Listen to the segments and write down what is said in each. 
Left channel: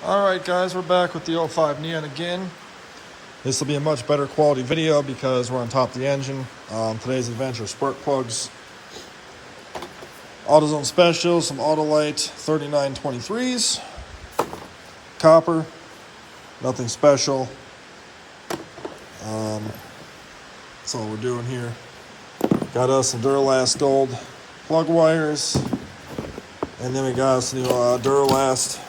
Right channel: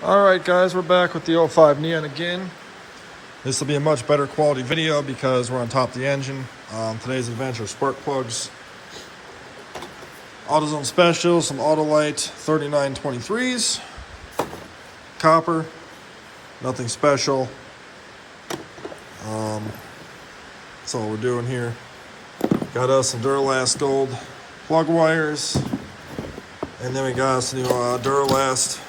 Alright guys, we're back with the 05 Neon again. This will be a much better quality video because we're on top of the engine. Today's adventure spark plugs. AutoZone Special, some Autolite 3923s. Copper, nothing special. That's all we're doing here. Got us some Duralast gold plug wires. And then we got us the Duralast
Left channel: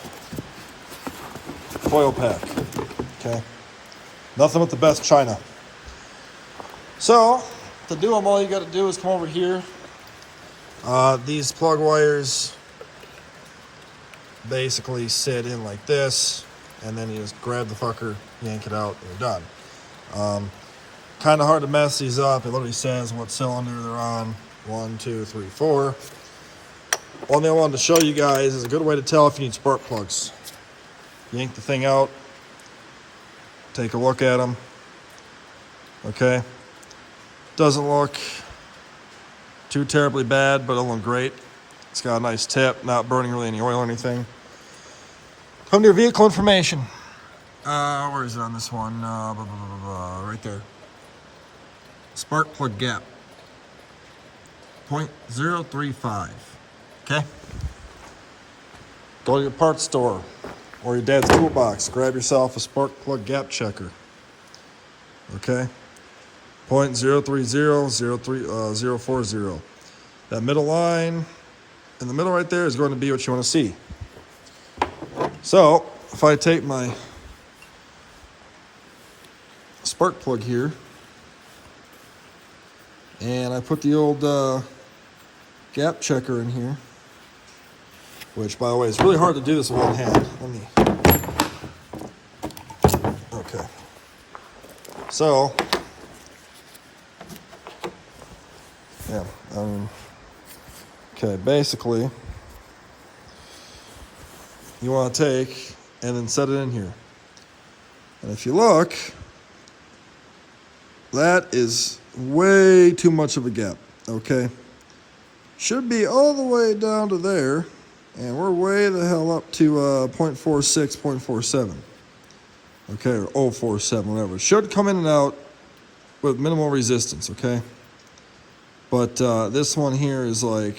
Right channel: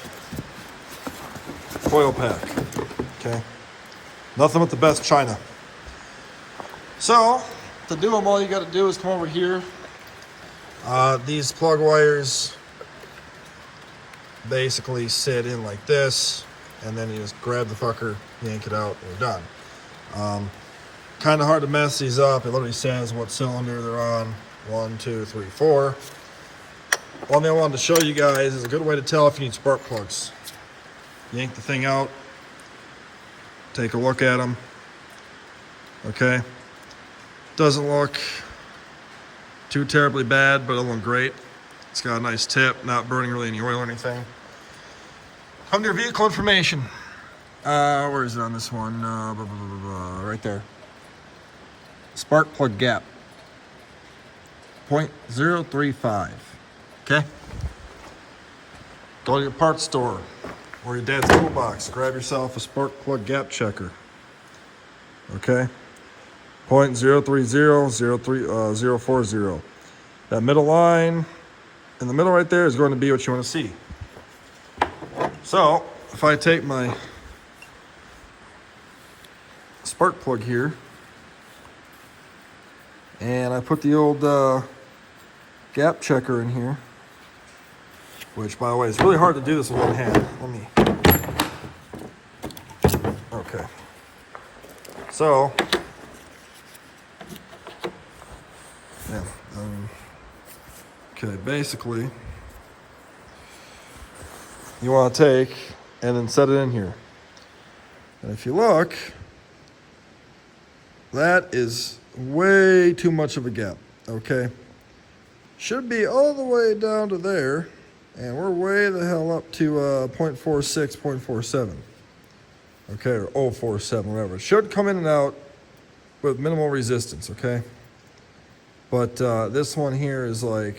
coil pack. Okay. Nothing but the best China. So, to do them, all you got to do is come over here. These plug wires basically sit in like this, and then you just grab the fucker, yank it out, and you're done. Kind of hard to mess these up. It literally says what cylinder they're on. 1, 2, 3, 4. One thing I wanted to show you guys is a good way to tell if you need spark plugs. Yank the thing out. Take a look at them. Okay. Doesn't look too terribly bad, but it'll look great. It's got a nice tip, not burning really any oil or anything. Come to your vehicle information. Where is it on this one? Right there. Spark plug gap. 0.035. Okay? Go to your parts store or your dad's toolbox. Grab yourself a spark plug gap checker. Okay? 0.030, 040. That middle line in the middle right there is going to be what you want to see. So, if I take my spark plug here and I put the old gap checker in here, which, by the way, it's really hard to do this with one hand. Okay. So, yeah, okay, basically, you want to take and then set it in here. And if you look, that is way too much of a gap, okay? Should be all the way down to there, and we're way the hell up to 0.46, 0.47. Okay, or 047, whatever. It should come in and out with minimal resistance, okay? But this one here is like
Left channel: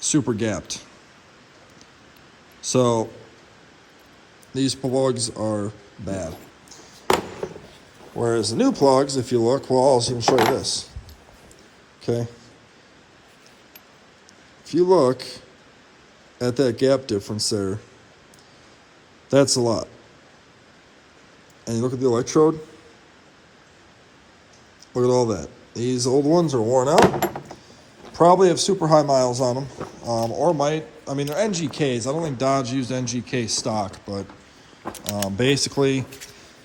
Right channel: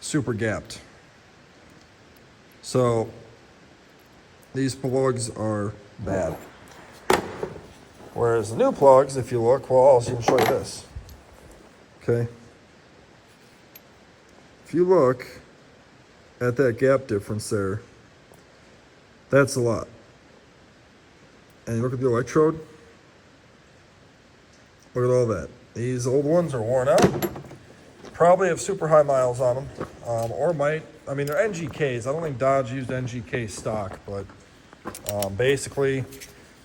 super gapped. So these plugs are bad. Whereas the new plugs, if you look, well, I'll also show you this. Okay? If you look at that gap difference there, that's a lot. And you look at the electrode, look at all that. These old ones are worn out, probably have super high miles on them, or might, I mean, they're NGKs. I don't think Dodge used NGK stock, but basically,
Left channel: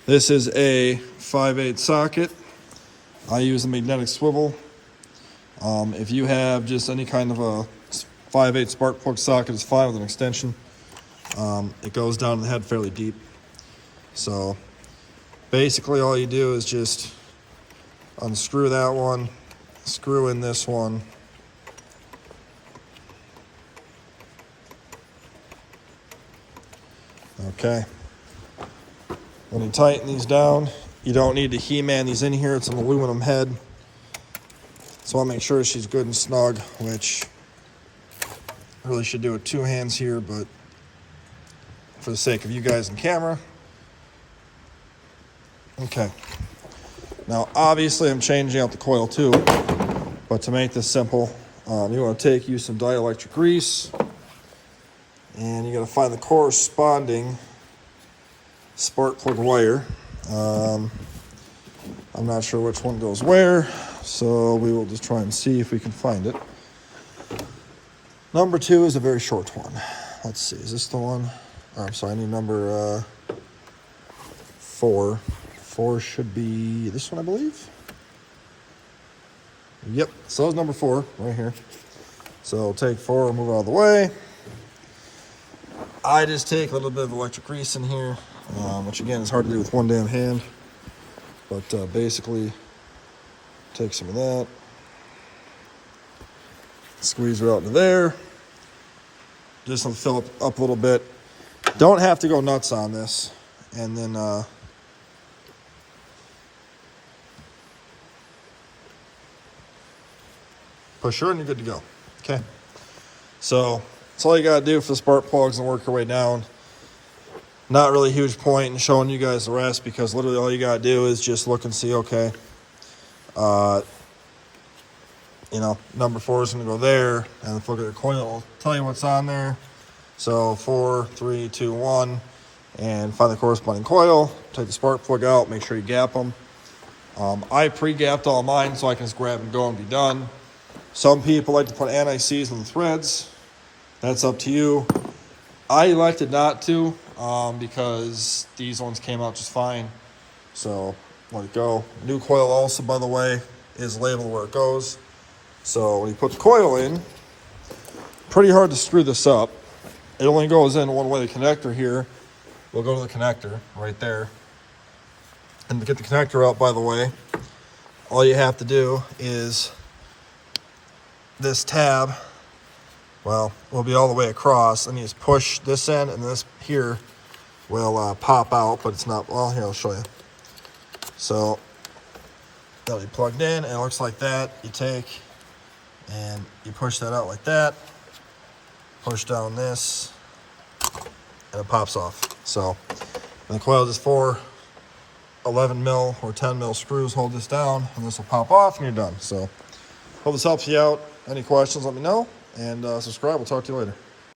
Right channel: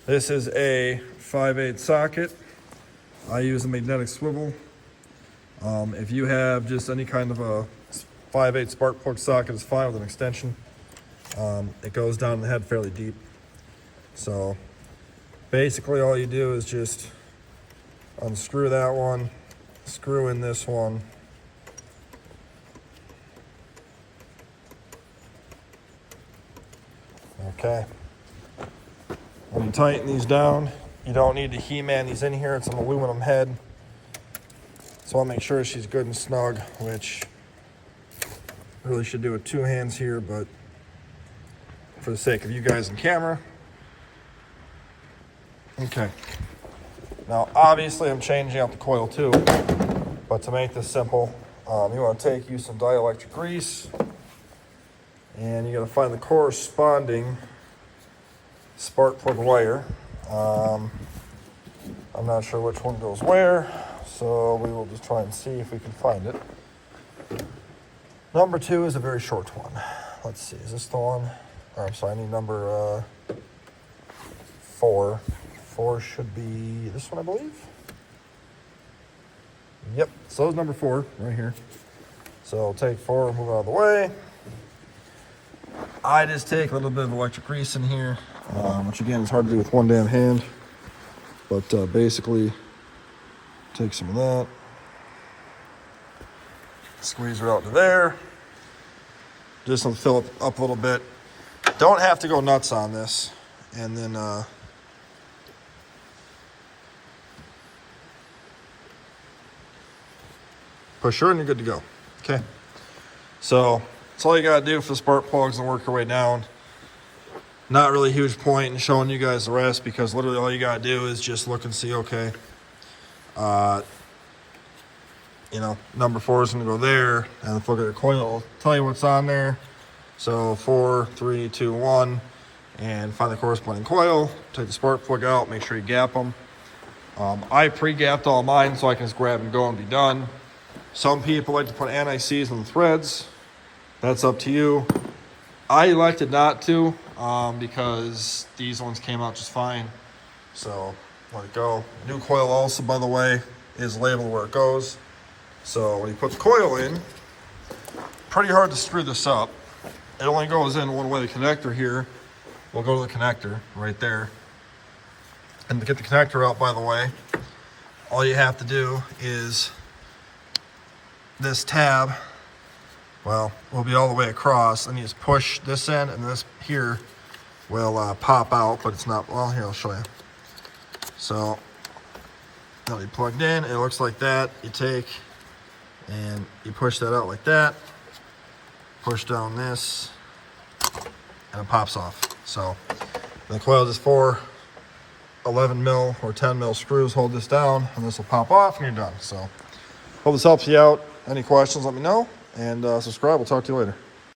this is a 5/8 socket. I use a magnetic swivel. If you have just any kind of a 5/8 spark plug socket, it's fine with an extension. It goes down in the head fairly deep. So basically all you do is just unscrew that one, screw in this one. Okay. When you tighten these down, you don't need to He-Man these in here. It's an aluminum head. So I'll make sure she's good and snug, which I really should do with two hands here, but for the sake of you guys in camera. Okay. Now, obviously, I'm changing out the coil too, but to make this simple, you want to use some dielectric grease, and you got to find the corresponding spark plug wire. I'm not sure which one goes where, so we will just try and see if we can find it. Number 2 is a very short one. Let's see, is this the one? Oh, so I need number 4. 4 should be this one, I believe. Yep, so that's number 4 right here. So I'll take 4 and move it out of the way. I just take a little bit of electric grease in here, which again is hard to do with one damn hand. But basically, take some of that, squeeze her out to there. Just to fill it up a little bit. Don't have to go nuts on this. And then push her and you're good to go. Okay. So that's all you gotta do for the spark plugs and work your way down. Not really a huge point in showing you guys the rest because literally all you gotta do is just look and see, okay, you know, number 4 is gonna go there, and if you look at your coil, it'll tell you what's on there. So 4, 3, 2, 1, and find the corresponding coil, take the spark plug out, make sure you gap them. I pre-gapped all mine so I can just grab and go and be done. Some people like to put anti-seize on the threads. That's up to you. I elected not to because these ones came out just fine. So let it go. New coil also, by the way, is labeled where it goes. So when you put the coil in, pretty hard to screw this up. It only goes in one way. The connector here will go to the connector right there. And to get the connector out, by the way, all you have to do is this tab, well, will be all the way across, and you just push this end, and this here will pop out, but it's not, well, here, I'll show you. So that'll be plugged in, and it looks like that. You take and you push that out like that, push down this, and it pops off. So the coil is 4 11 mil or 10 mil screws hold this down, and this will pop off, and you're done. So hope this helps you out. Any questions, let me know, and subscribe. We'll talk to you later.